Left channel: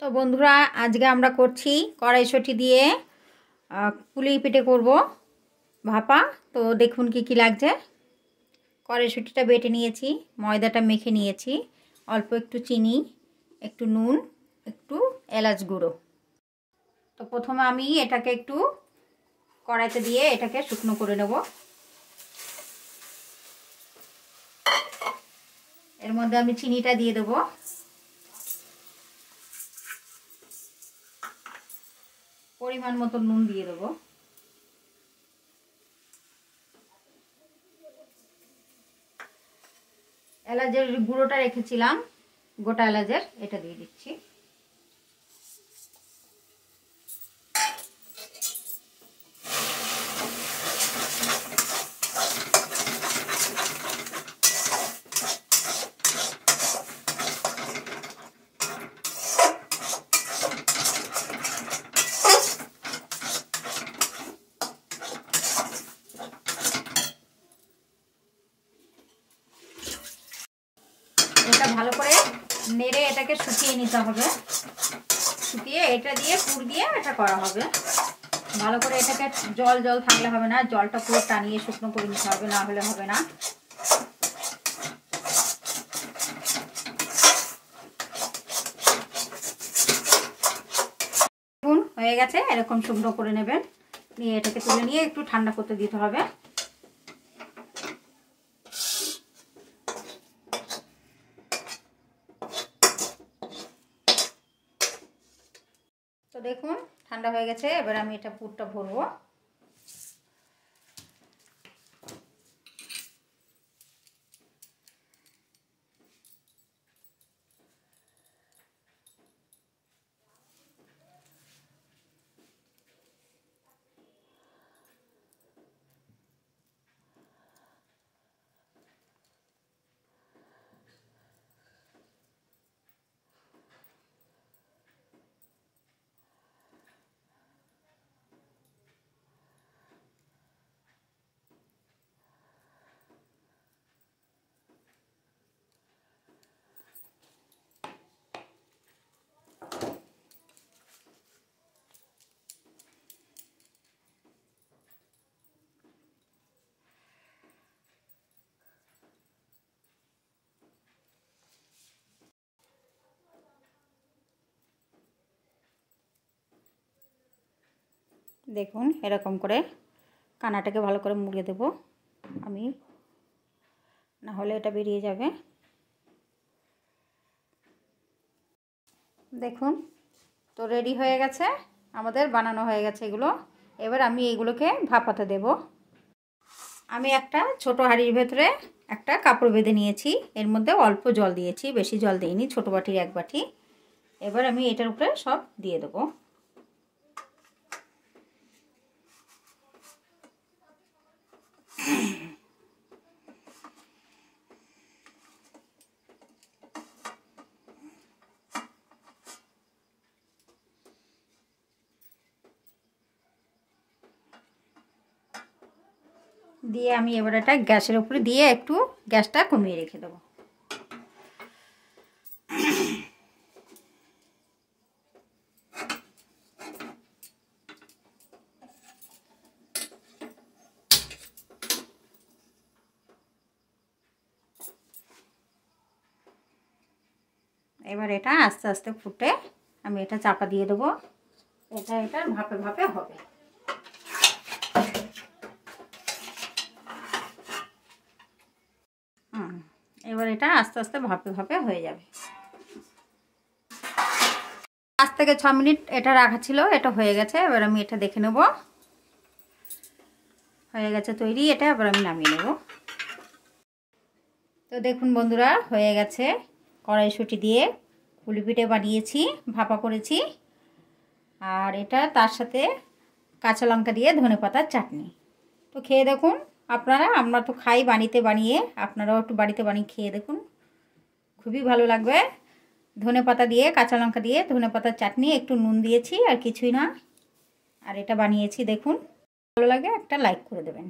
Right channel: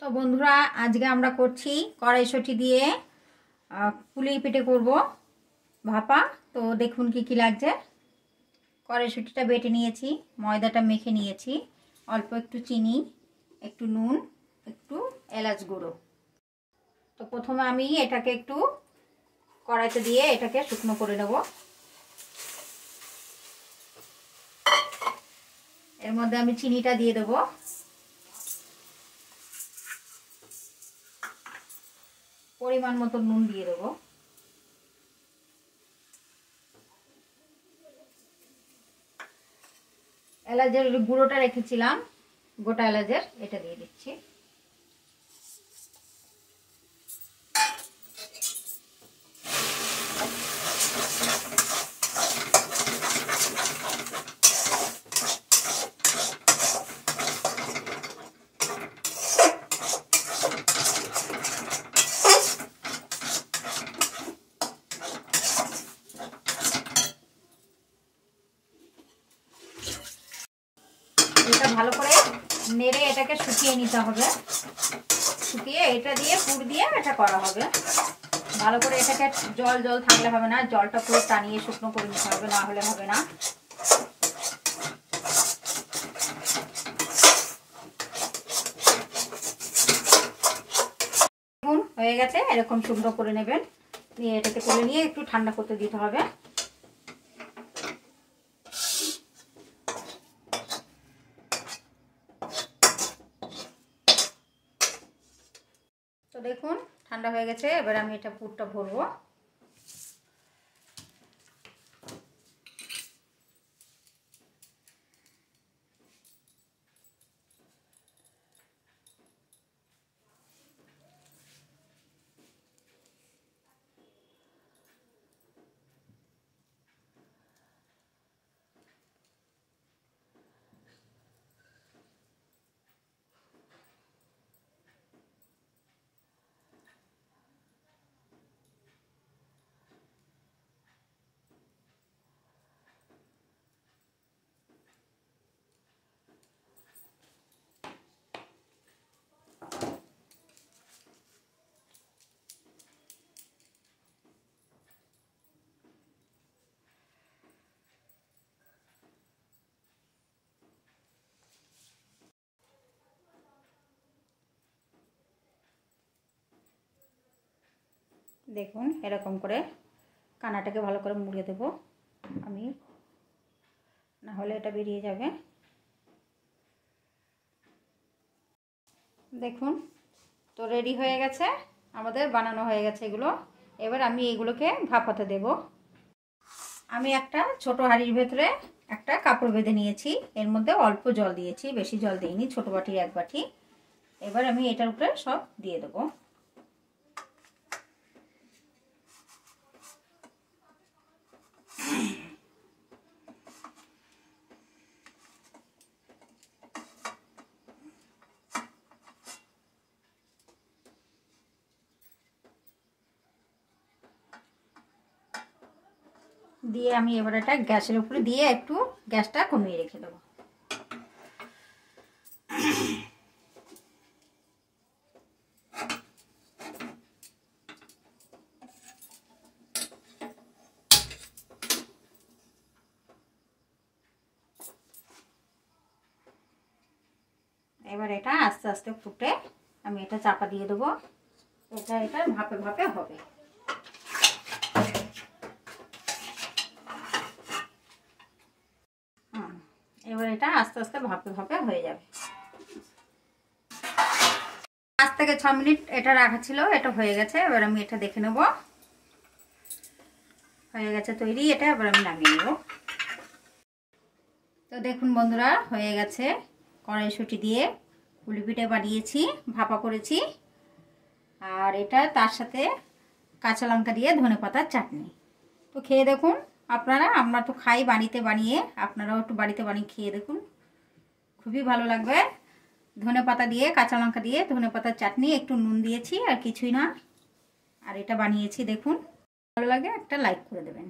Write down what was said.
তো বন্ধুরা, আজকে আমরা করছি কড়াইশুঁটি দিয়ে পুলি পিঠে করব ভাপা। তো দেখুন কি কি লাগছে। কড়াইশুঁটিটা বেটে নিয়েছি, ময়দাটা মেখে নিয়েছি, অল্প একটু চিনি, একটু নুন, একটু এলাচ গুঁড়ো। তো প্রথমে আমি এটাকে একটু কড়াইতে দিয়ে এটাকে শুকনো করে নেব। এর মধ্যে আমি চিনিটা দিয়ে দেবো। পরিমাণ মতো নুন দিয়ে দেবো। এলাচের গুঁড়োটা রেখেছিলাম, গোটা এলাচের, এটা দিয়ে দিচ্ছি। এটা ভালো করে নেড়ে এটাকে শুকিয়ে নিতে হবে। শুকিয়ে এটা দিয়ে পুর দিয়ে এটা করা হবে। ভালো করে এটাকে জল জল থাকলে হবে না, জলটা পুরো টানিয়ে শুকনো করে নিতে হবে, না হলে হবে না। দেখুন হয়ে গেছে, এরকম শুকনো করে নেবেন। নিয়ে এটাকে তুলে নিয়ে একটু ঠান্ডা করতে দিতে হবে। তো দেখুন ঠান্ডা হয়ে গেছে, এবার আমি এটা পুরটা ভরবো। দেখুন এরকম করে কানাটাকে ভালো করে মুড়িয়ে দেব আমি, না হলে এটা বেরিয়ে যাবে। দেখুন তো রেডি হয়ে গেছে, আমাদের বানানো হয়ে গেছে এগুলো। এবার আমি এইগুলোকে ভাপাতে দেব। আমি একটা ছোট হাঁড়ির ভেতরে একটা কাপড় বেঁধে নিয়েছি, এর মধ্যে অল্প জল দিয়েছি, বেশি জল দিইনি, ছোট বাটির এক বাটি। এবার আমি এটার উপরে সব দিয়ে দেবো। দিয়ে আমি এবার এটা গ্যাসের উপরে দিয়ে একটু গ্যাসটা কমিয়ে রেখে দেবো। এবার এটা আস্তে আস্তে ফুটে আমি এটা চাপা দিয়ে দেবো। এটা ভাপে ভাপে হবে। এবার এটা আস্তে আস্তে ভাপে ভাপে হয়ে যাবে। 5 থেকে 6 মিনিট এটা রাখা ছিল, এটা হয়ে গেছে। এবার আমি এটা দেখে নেব, হয়ে গেছে তৈরি এটা। এবার আমি নামিয়ে নেব। তো দেখুন বন্ধুরা, হয়ে গেছে। কড়াইশুঁটি দিয়ে পুলি পিঠে বানিয়েছি, ভাপা করেছি। আর এটা তার সাথে কাঁচা লঙ্কা দিয়ে ধনেপাতার চাটনি। তো খেয়ে দেখুন আপনারা, আমরা তো খাই বানিয়ে, আপনারাও একটু বাড়িতে বানিয়ে খেয়ে দেখুন, খুবই ভালো লাগবে। ধনেপাতা দিয়ে, কাঁচা লঙ্কা দিয়ে ধনেপাতার চাটনি, একটু নুন দিয়েছি আর কিছুই না। আর এটা বানিয়েছি দেখুন, ভালো লাগে একটা লাইক করে দেবেন।